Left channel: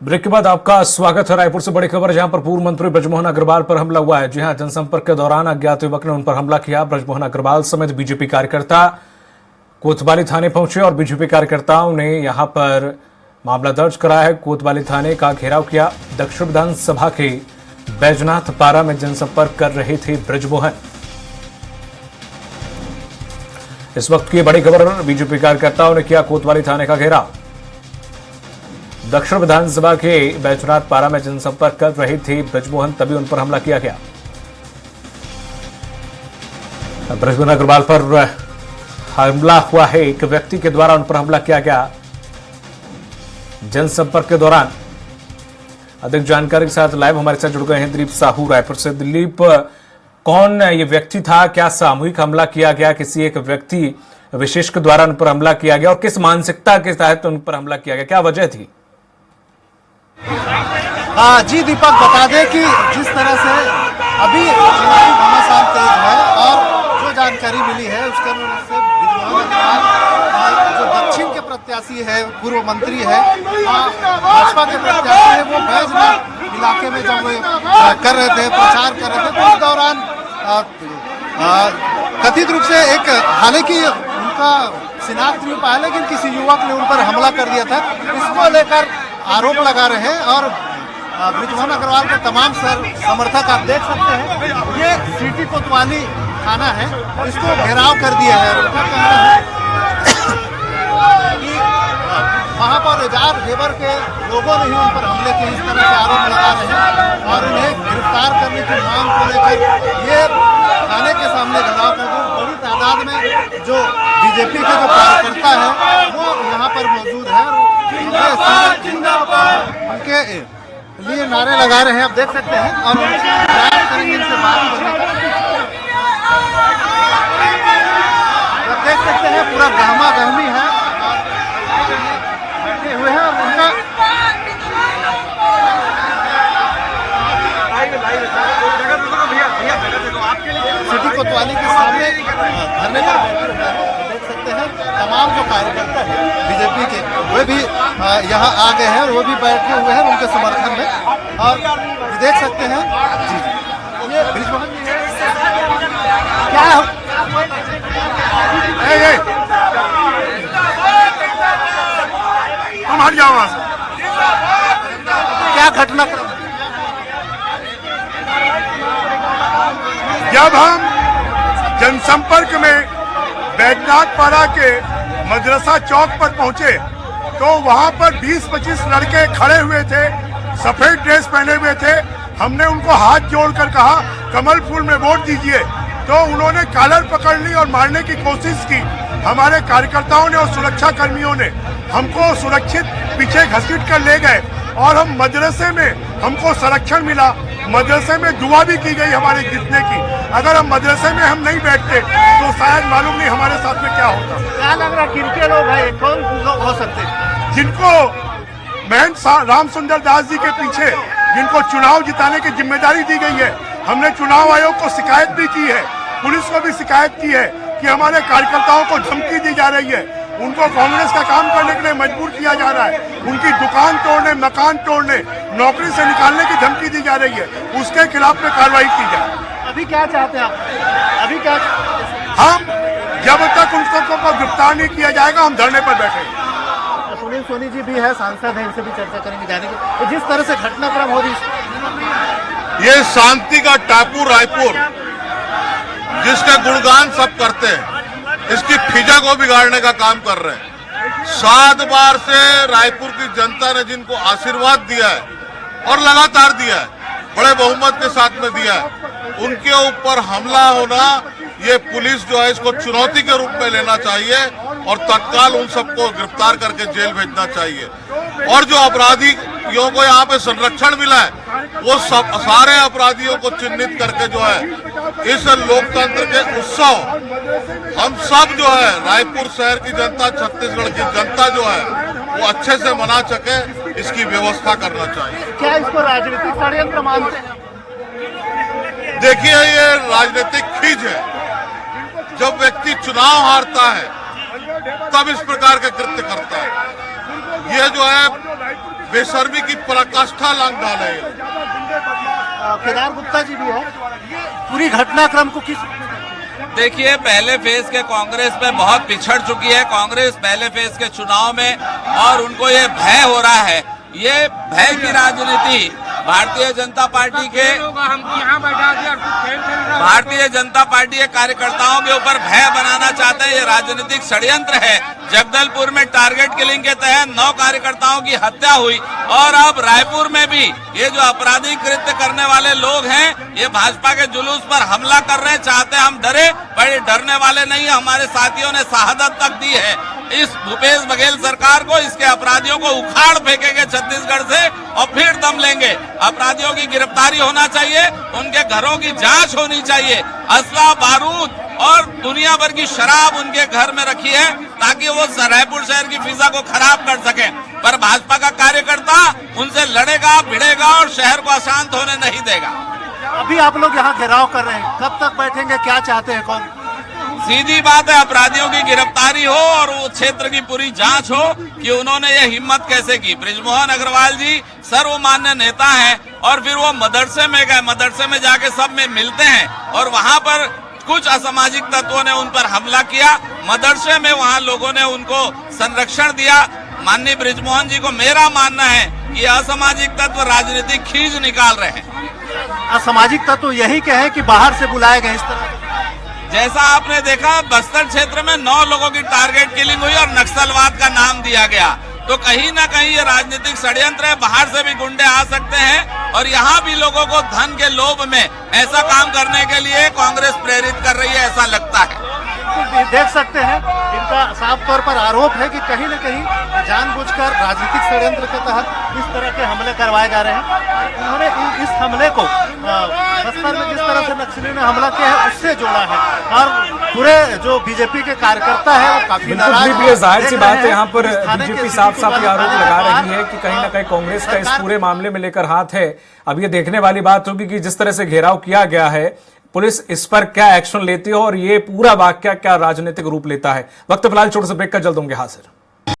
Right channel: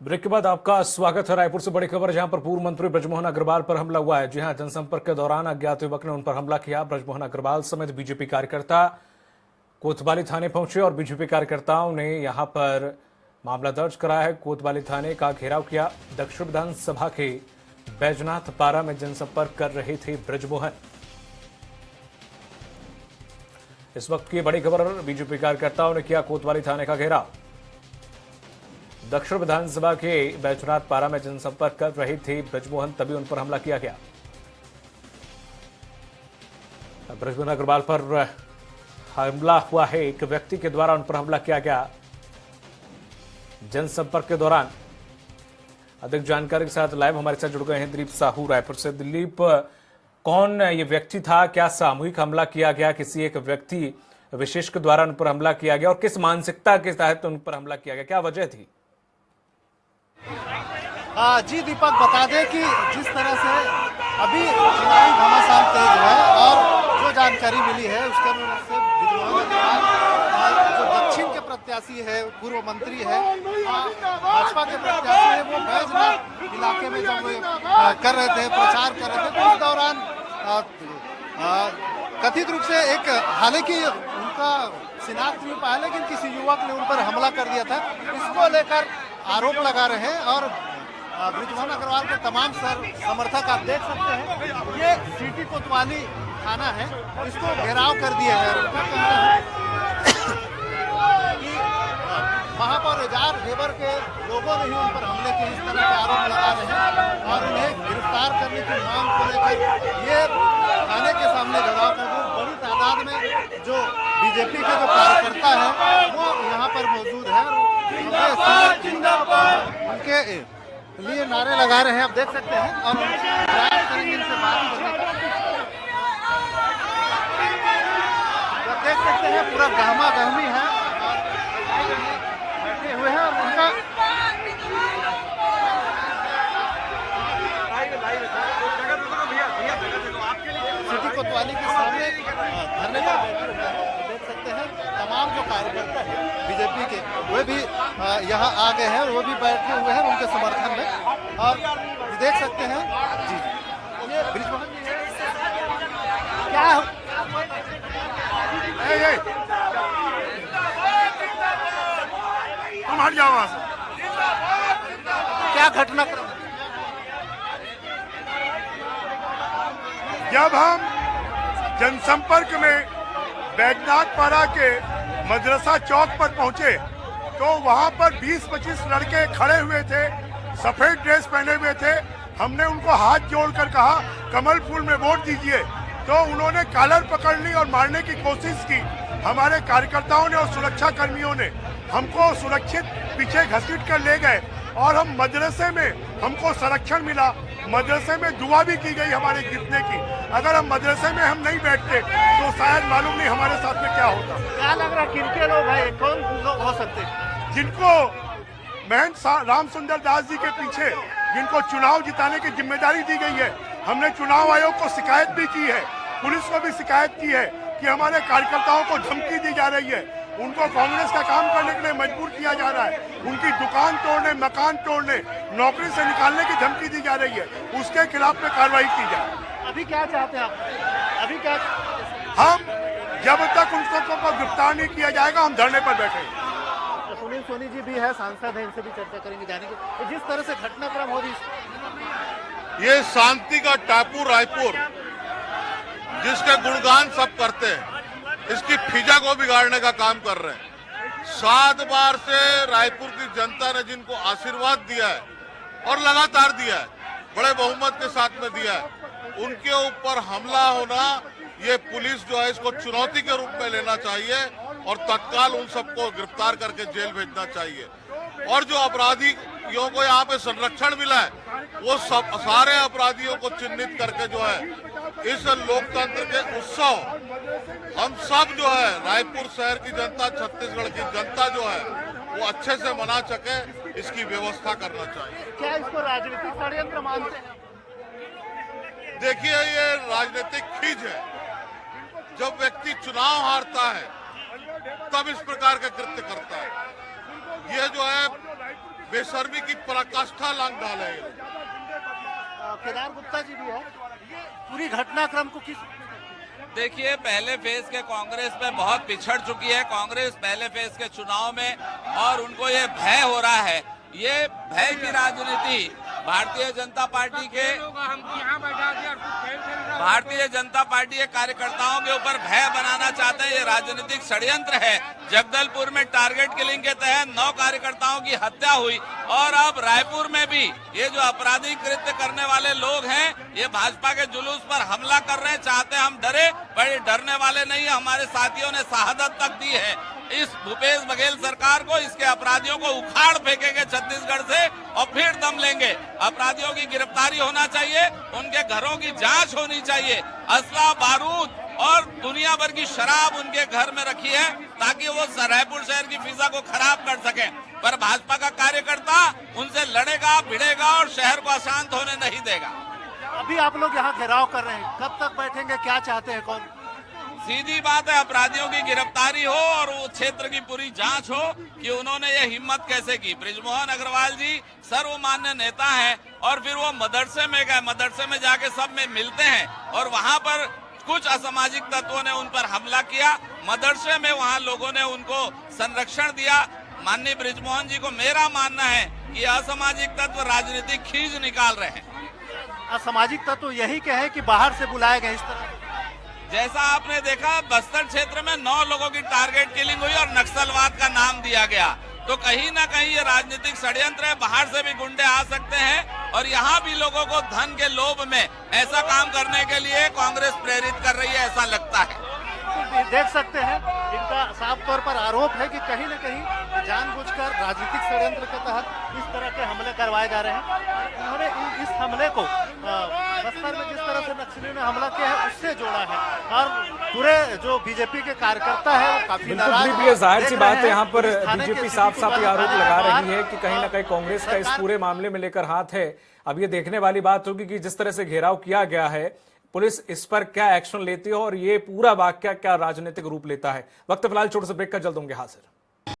Break के बाद आपका स्वागत है। रायपुर से बड़ी खबर, जहां पर पूर्व मंत्री ब्रजमोहन अग्रवाल पर हमला हुआ है। जी हां, जनसंपर्क के दौरान अज्ञात युवक ने उन पर हमला किया। ब्रजमोहन अग्रवाल समेत बीजेपी कार्यकर्ता कोतवाली थाने पहुंचे और बीजेपी कार्यकर्ताओं ने यहां पर मामला दर्ज कराया है। कोतवाली थाने का घेराव किया। दक्षिण विधानसभा के बैजनाथ पारा में जनसंपर्क कर रहे थे ब्रजमोहन। इस वक्त की बड़ी खबर, बीजेपी कार्यकर्ताओं ने किया कोतवाली थाने का घेराव। दक्षिण विधानसभा के बैजनाथ पारा में जनसंपर्क कर रहे थे ब्रजमोहन, तभी उन पर हमला किया गया। ब्रजमोहन अग्रवाल पर हमला हुआ है, एक व्यक्ति के द्वारा उन पर हमला किया गया जनसंपर्क के दौरान। अधिक जानकारी के साथ लाइव हमारे साथ जुड़ गए हैं दिलीप साहू रायपुर से। दिलीप, कौन ये व्यक्ति था? क्या सामूहिक हमला किया गया? किसी एक व्यक्ति विशेष के द्वारा उन पर हमला किया गया और किस मानसिकता के तहत उन पर हमला किया गया? क्या वजह थी? जी दीपक, बता दें कि जिस तरह से अभी चुनावी घमासान तेज है और जो जानकारी मिली है उसके अनुसार से ब्रजमोहन अग्रवाल जो दक्षिण के प्रत्याशी है, पूर्व मंत्री है, भाजपा के प्रत्याशी है, वो बैजनाथ इलाके में जब कर रहे थे, प्रचार कर रहे थे, तो उस दौरान कथित रूप से एक, हालांकि उनका शिनाख्त नहीं पाया, लेकिन किसी युवक ने उन पर हमला कर दिया था। इसको लेकर आरोप लगा रहे हैं और ब्रजमोहन अग्रवाल के तमाम समर्थक आप देख सकते हैं, ये सिटी कोतवाली थाना है, इसको घेराव कर दिया है। उनका कहना है कि महापौर एजाज ढेबर के लोगों ने ही उन पर हमले के इस तरह के आरोप लगा रहे हैं और उन्हें गिरफ्तार करने की मांग को लेकर ये थाने के सामने घेराव कर दी। बड़ी तादाद में जो बीजेपी के जो कार्यकर्ता है वो यहाँ पर मौजूद है, उनके लिए नारे लगा रहे हैं, आप देख सकते हैं, और इनसे बात करने का देख सकते हैं, पूरा गहमा गहमी है, बैठे हुए हैं। उनका सिटी कोतवाली के सामने धरने पर बैठे हुए हैं, देख सकते हैं। तमाम जो कार्यकर्ता है बीजेपी के, वे भी यहाँ आ गए हैं और वो भी बैठे हुए हैं उनके समर्थन में, और देख सकते हैं जी ये ब्रजमोहन क्या तुम हट जाओ वहां से। क्या घटना? जब हम जनसंपर्क में बैजनाथ पारा के मदरसा चौक पर पहुंचे तो वहां पर 20-25 लड़के खड़े हुए थे, सफेद ड्रेस पहने हुए थे। हमने उनको हाथ जोड़कर कहा कमल फूल में वोट दीजिए, तो उन्होंने कॉलर पकड़ ली और मारने की कोशिश की। हमारे कार्यकर्ताओं ने और सुरक्षा कर्मियों ने हमको सुरक्षित पीछे घसीट कर ले गए और हम मदरसे में, हमको संरक्षण मिला। मदरसे में दुआ भी की गई हमारे जीतने की। अगर हम मदरसे में हम नहीं बैठते तो शायद मालूम नहीं हमारे साथ में क्या होता। क्या लग रहा है किनके लोग हैं, कौन लोग हो सकते हैं जिनको महंत रामसुंदर दास जी के पीछे जिनको चुनाव जिताने की जिम्मेदारी दी गई है? हमने चुनाव आयोग को शिकायत भी की है, पुलिस को भी शिकायत की है कि हमारे कार्यकर्ताओं को धमकी दी जा रही है, उनको कांग्रेस का काम करने के लिए मजबूर किया जा रहा है, उनकी दुकान तोड़ने, मकान तोड़ने, नौकरी से निकालने की धमकी दी जा रही है। उसके खिलाफ में कार्रवाई की जाए। अभी क्या चाहते हैं आप? अभी क्या हम जब तक उन सबको गिरफ्तार नहीं किया जाएगा हम धरने पर बैठेंगे। सुनील सोनी जी भी है, सांसद है, इनसे भी चर्चा करेंगे जाने की। तो जिस तरह से घटनाक्रम हो रही, ये शांति का टापू रायपुर जिसका गुणगान सब करते हैं, इसकी फिजा को बिगाड़ने का काम कर रहे हैं। 7 बार से रायपुर की जनता ने जिनको आशीर्वाद दिया है और लगातार दिया है, बड़े बहुमत के साथ में दिया है, उनके ऊपर हमला होना, ये पुलिस जो है इसको चुनौती के रूप में लेना चाहिए और तत्काल उन सबको गिरफ्तार करके जेल भेजना चाहिए। और जो अपराधियों को यहाँ पे संरक्षण मिला है, वो सब सारे अपराधियों को चिन्हित करके जो है इस लोकतंत्र के उत्सव हम सब जो है रायपुर शहर की जनता, छत्तीसगढ़ की जनता जो है वो अच्छे से मना सके, इसकी व्यवस्था करना चाहिए। क्या इसको राजनीतिक षड्यंत्र मानते हैं? देखिए, ये राजनीतिक खींच है। जब व्यक्ति चुनाव हारता है तब इस प्रकार के कृत्य करता है। यह जो है बेशर्मी की पराकाष्ठा लांग डाले हैं। केदार गुप्ता जी भी है, ये पूरी घटनाक्रम को किस देखिए, पहले फेज के कांग्रेस में बहुत पिछड़ चुकी है कांग्रेस पहले फेज के चुनाव में, और उनको ये भय हो रहा है। ये भय की राजनीति भारतीय जनता पार्टी के कार्यकर्ताओं के ऊपर भय बनाना चाहते हैं। ये राजनीतिक षड्यंत्र है। जगदलपुर में टारगेट किलिंग के तहत 9 कार्यकर्ताओं की हत्या हुई, और अब रायपुर में भी ये जो आपराधिक कृत्य करने वाले लोग हैं, ये भाजपा के जुलूस पर हमला कर रहे हैं। चाहते हम डरे, पर डरने वाले नहीं। हमारे साथियों ने शहादत तक दी है। इस भूपेश बघेल सरकार को, इसके अपराधियों को उखाड़ फेंकेंगे छत्तीसगढ़ से, और फिर दम लेंगे। अपराधियों की गिरफ्तारी होना चाहिए, उनके घरों की जांच होनी चाहिए। असला, बारूद और दुनिया भर की शराब उनके घर में रखी है, ताकि वो रायपुर शहर की फिजा को खराब कर सके। पर भाजपा का कार्यकर्ता उनसे लड़ेगा, भिड़ेगा और शहर को अशांत होने नहीं देगा। अभी आप लोग यहाँ घेराव कर रहे हैं, कब तक बैठेंगे, क्या चाहते हैं? कौन सीधी बात है, अपराधियों की गिरफ्तारी हो और वो क्षेत्र की पूरी जांच हो कि उन्होंने ये हिम्मत कैसे की। बृजमोहन अग्रवाल जी सर्वमान्य नेता हैं, और फिर वो मदरसे में गए, मदरसे में जाके सब में मिलते हैं, और वहां पर कुछ असामाजिक तत्वों ने उन पर हमला किया। मदरसे में वहां लोगों ने उनको संरक्षण दिया। माननीय बृजमोहन जी को मेरा मानना है कि असामाजिक तत्व राजनीतिक खींच निकाल रहे हैं। असामाजिक तत्व यही के हैं कि बाहर से बुलाए गए? इस तरह जैसा आपने देखा, बस्तर क्षेत्र में 9 लोगों की टारगेट किलिंग हुई और नक्सलवाद का नाम दिया गया। तो कहीं ना कहीं ये राजनीतिक षड्यंत्र है। बाहर से भी गुंडे आ सकते हैं, और यहाँ भी लोगों को धन के लोभ में ऐसा काम करने के लिए कांग्रेस प्रेरित कर रही है, ऐसा लगता है। देख सकते हैं, इनका साफ तौर पर आरोप है कि कहीं न कहीं जानबूझकर राजनीतिक षड्यंत्र के तहत इस तरह के हमले करवाए जा रहे हैं। उन्होंने इस हमले को बस्तर में जिस तरह से नक्सलियों ने हमला किया है उससे जोड़ा है, और पूरे जो बीजेपी के कार्यकर्ता है वो काफी नाराज भी है। जाहिर सी बात है, यहाँ पर बीजेपी साफ साफ आरोप लगा रही है कि कहीं ना कहीं कांग्रेस का इस पूरे मामले में लेकर हाथ है। अब ये देखने वाली बात होगी कि जिस तरह से घेराव किया गया है, पुलिस इस पर क्या एक्शन लेती है और ये पूरा वाकया क्या राजनीतिक रूप लेता है। वक्त फिलहाल छोटे से ब्रेक का, जल्द होंगे हाजिर।